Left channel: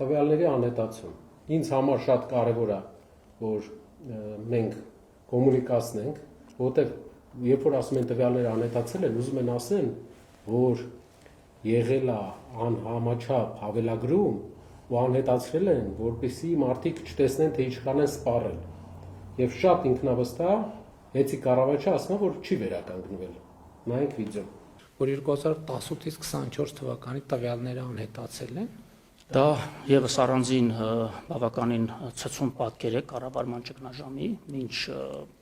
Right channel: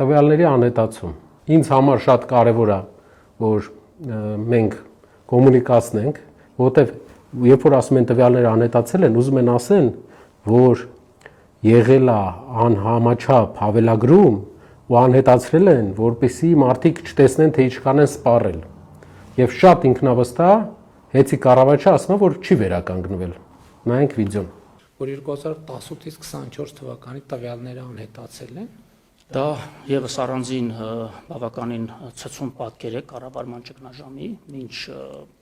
տվյալների անհետացում։ Ինձ համար շատ կարևոր է, որ մենք կոմունիկացնենք, որովհետև երբ որ ասում են տվյալները անհետացել են, ուզում են ասեն, որ եղել է անհամաչափ հավելագրում ու անհետացրել են, որպեսզի մարդիկ չտեսնեն, թե ինչքան են սպառել։ Եվ շատ ինքնավստահ Հեցի կառավարչը ասում է, որ չի վերականգնվել։ Նայենք վիդեոն։ Որ 2018-ից 24 թվականի տվյալները անհետացել են։ Դա եւս առանձին բավականին ցցուն պատկեր է կառավարման ճգնաժամի, ինչ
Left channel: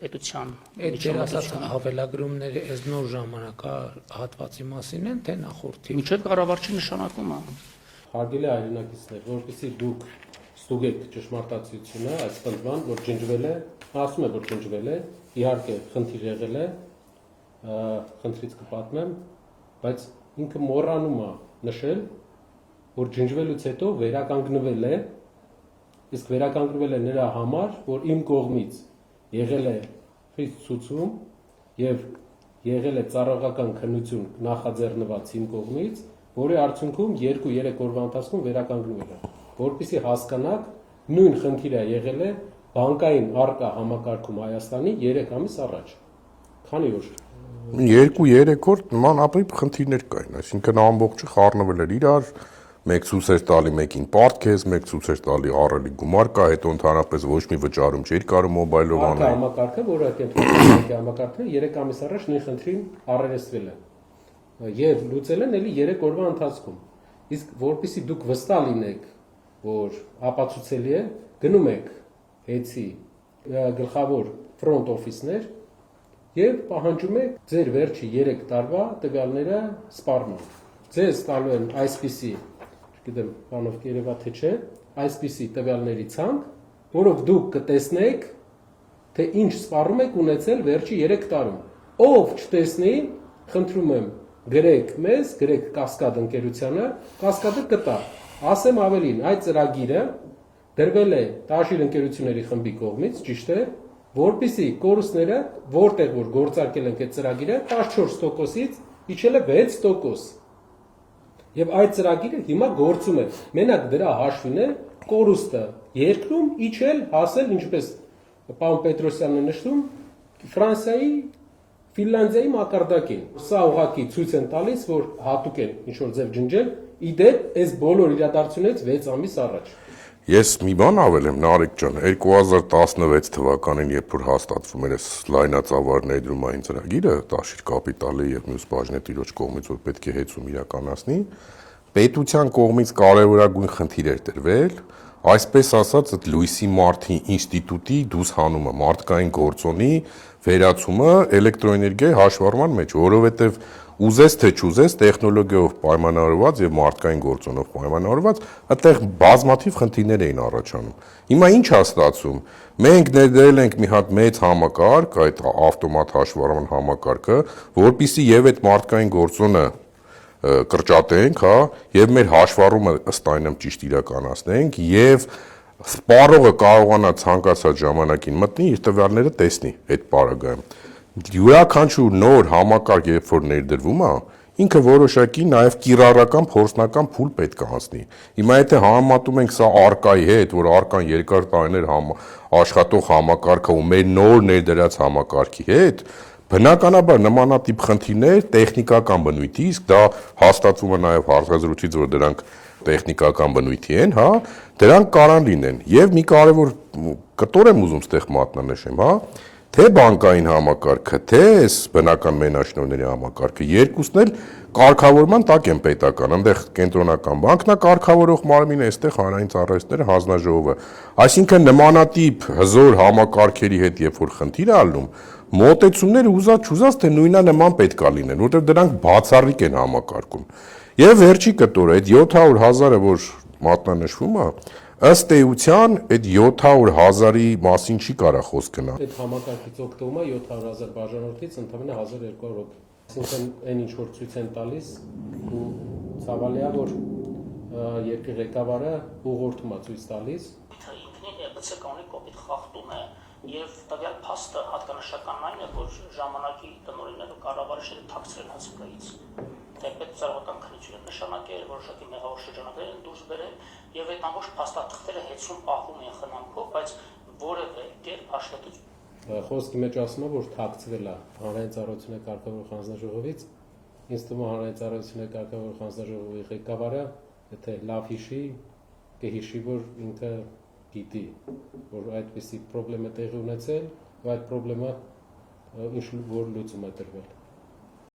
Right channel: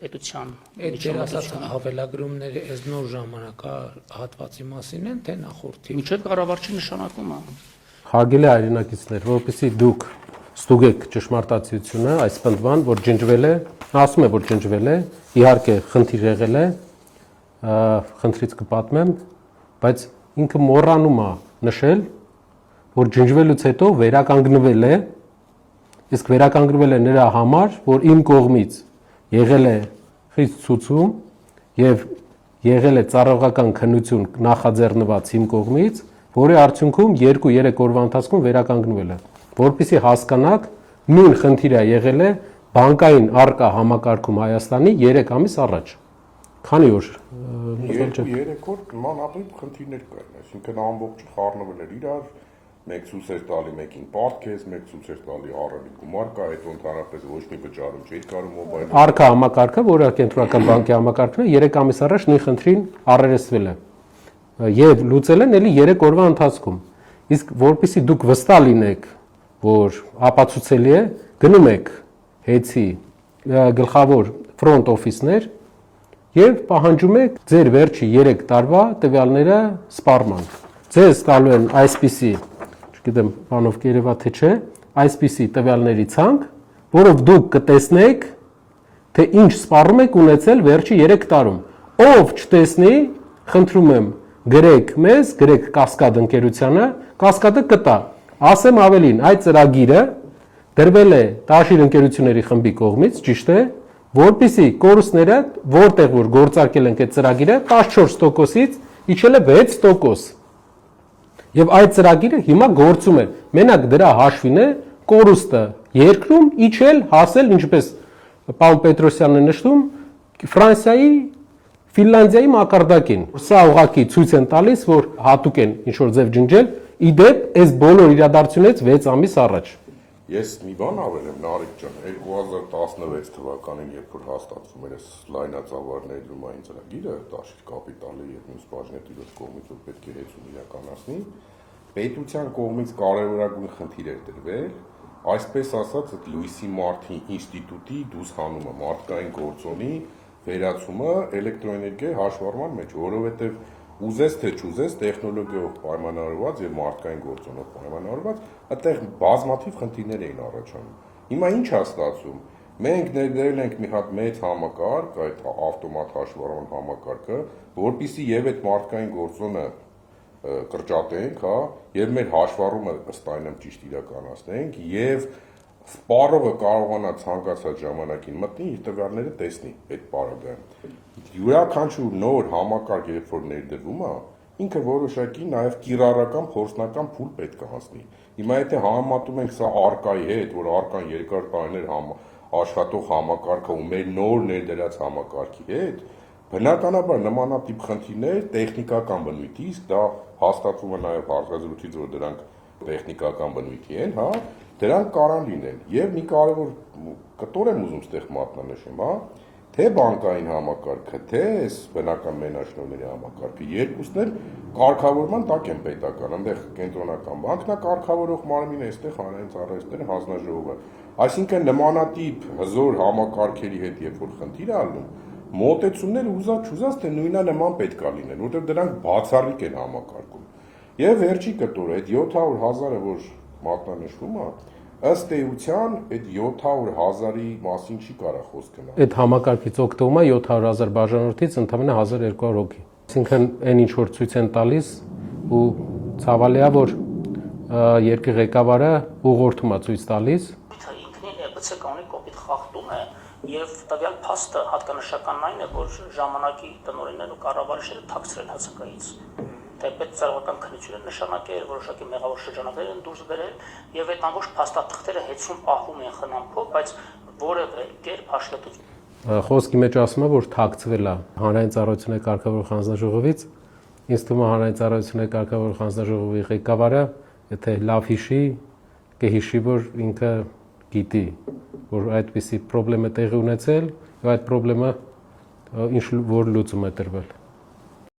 պետության միջոցառումները հավելագրումները այս նոր ժամանակահատվածի մասին են, թե նախորդի։ Միջև կառավարչի նշանակումը։ Հարգելի հայրենակիցներ, որովհետեւ դուք ստուգեք ճշմարտացիությունը, այս պնդման, որ ջնջվել է, ասում է, որ ջնջվել է, իհարկե խնդիր եղել է, խնդրից կպատմեմ, բայց ինքը մոռանում է նշել, որ ջնջվելուց հետո վերականգնվել է, իսկ վերականգնվել է նրա համար, որ իմ կողմից եղել է խիստ ցուցում եւ եղել է ծառայողական քննություն նախաձեռնված իմ կողմից, որի արդյունքում 2-3 օրվա ընթացքում վերականգնվել է, որպեսզի հասկանաք, նույն խնդիրը եղել է բանկային արկա համակարգում Հայաստանի 3 ամիս առաջ։ Քանի օր 2-3 օր նմանապրիպ խնդիրներ կային, այսինքն ամբողջը խառնվել էր իրար, մեկ ցույց էր տալի մեկին պարտքես, մեկ ցույց էր տալի ահռելի գումար կա, հետո ընդհանրապես ոչ մի վճարում չէր կարող մոբայլով։ Արկա համակարգը, որը կենտրոնական բանկի համակարգն է, 3 ամիս առաջ նույն խնդրին առերեսվել է եւ լուծել են էլի 3 օրվա ընթացքում։ Իսկ որpիսի դուք վստահ լինեք, որ ապացուցելի է, գնում եք Հեցի գլխավոր ֆրոնտ օֆիսներ եւ պահանջում եք ձեր վերջի 3 տարվա տվյալները սպառման։ Ձեզ տալու են այսպիսի, չգիտեմ, բանով կերևա թե չէ, այսպիսի տվյալների ցանկ, որով դուք կտեսնեք, թե ինչ սպառում եք ունեցել վերջի 3 տարում։ Ով չտեսնի, խնդրում եմ, գրեք մեզ, գրեք Կասկադ ընկերությանը, Կասկադը կտա։ Ասեմ ավելին, այդ ծրագիրը դրվել է Տաշիր ընկերությունների խմբի կողմից, ճիշտ է, որպեսզի կորուստները, որտեղ որ գործարկել ենք այդ ծրագիրը, 14%-ից իջել է 6%։ Եվ այդ ծրագիրը հիմա գործում է։ Մենակ դրա հաշվին է կորուստը երկրում իջել, հասել, ինչպես պարոն Պետրոսյանն է նշում, Ֆրանսիայի, Ֆինլանդիայի մակարդակին։ Սա ուղղակի ցույց են տալիս, որ հատուկ են ինչ որ ձև ջնջել, իդեպ այս բոլոր իրադարձությունից 6 ամիս առաջ։ Ես մի բան ավելեմ, Նարեկ ջան, 2016 թվականին, երբ որ հաստատվում էր այս լայնածավալ ներդրումային ծրագիրը, Տաշիր կապիտալի եւ մյուս բաժնետիրոջ կողմից, որ պետք է հեծում իրականացնի, պետության կողմից կարևորագույն խնդիր էր տրվել, այսպես ասած, այդ Լուիսի Մարտի ինստիտուտի դուսհանումը, մարդկային գործոնի վերացումը էլեկտրոէներգիայի հաշվառման մեջ, որովհետեւ ուզես թե չուզես տեխնոլոգիայով պայմանավորված եւ մարդկային գործոնով պայմանավորված, այդտեղ բազմաթիվ խնդիրներ էին առաջանում։ Հիմա ինչ է ստացվում։ Մենք ներդրել ենք մի հատ մեծ համակարգ, այդ ավտոմատ հաշվառման համակարգը, որpիսի եւ այդ մարդկային գործոնը կրճատենք, հա, եւ մեր հաշվառումը ըստ այնմ ճիշտ իրականացնենք եւ սպառողը կարողանա ցանկացած ժամանակին մտնի իր տվյալները տեսնի այդ պարագայում։ Յուրաքանչյուր նոր համակարգ, երբ որ ներդրվում է, ինքը որոշակի նաև կիրառական փորձնական փուլ պետք է անցնի։ Հիմա եթե համեմատում ենք սա արկայի հետ, որ արկան երկար տարիներ աշխատող համակարգը ու մեր նոր ներդրած համակարգի հետ, բնականաբար նմանատիպ խնդիրներ տեխնիկական բնույթի, իսկ դա հաստատվում է նաև հարցազրույցից, որ դրանք տեխնիկական բնույթի են, հա, դրանք կարան լինեն։ Եվ մի կարևոր կտոր եմ ուզում ստեղ մատնանշեմ, հա, թե բանկային համակարգը, թե այս բնական մենաշնորհների համակարգը, երկուսն էլ կարգավորման տակ են պետական, այնտեղ կենտրոնական բանկն է կարգավորող մարմինը, այստեղ հանրային ծառայությունները հանձնաժողովը։ Այսինքն նմանատիպ հզոր համակարգերի հետ երբ որ խնդիր է ալնում, մոտեցումները ուզած թե նույնանման պետք է լինեն, որտեղ դրանք բացառիկ են համակարգում։ Եվ վերջի կտորը, այդ 700,000-ը, որ մատնանշվում է, ըստ էության այդ 700,000-ի մասին չի կարա խոսք գնալ։ Այդ համակարգից օգտվում է 700,000 բաժանորդից ընդամենը 1200 հոգի։ Այսինքն այն ինչ որ ցույց են տալիս ու ցավալի է որ երկրի ղեկավարը ուղղորդում է ցույց տալիս։ Ինքնին գցե կանոնի կոպիտ խախտում է եւ տվյալ փաստը հատկանշական այն է, որ ժամանակի տնօրեններն ու կառավարիչները թաքցրել հասակայից։ պետծառայական քննություն են նշանակել, որոշակի մեղավոր շրջանակներ են դուրս բերել եւ այդ ամբողջ փաստաթղթերը հետցում պահում են խնամքով, բայց որևէ կերպ հաշվետվություն Խոսքի մեջ ասում է, որ թաքցվել է հանրային ծառայությունների կարգավորող հանձնաժողովից, ինձ թվում է հանրային ծառայությունների կարգավորող հանձնաժողովի ղեկավարը, եթե լավ հիշի, կհիշի, որ ինքը գիտի, որ այդպիսի խնդրեմ է տեղի ունեցել, եւ այդ խնդրեմը ինչ որ լուծում է տրվել։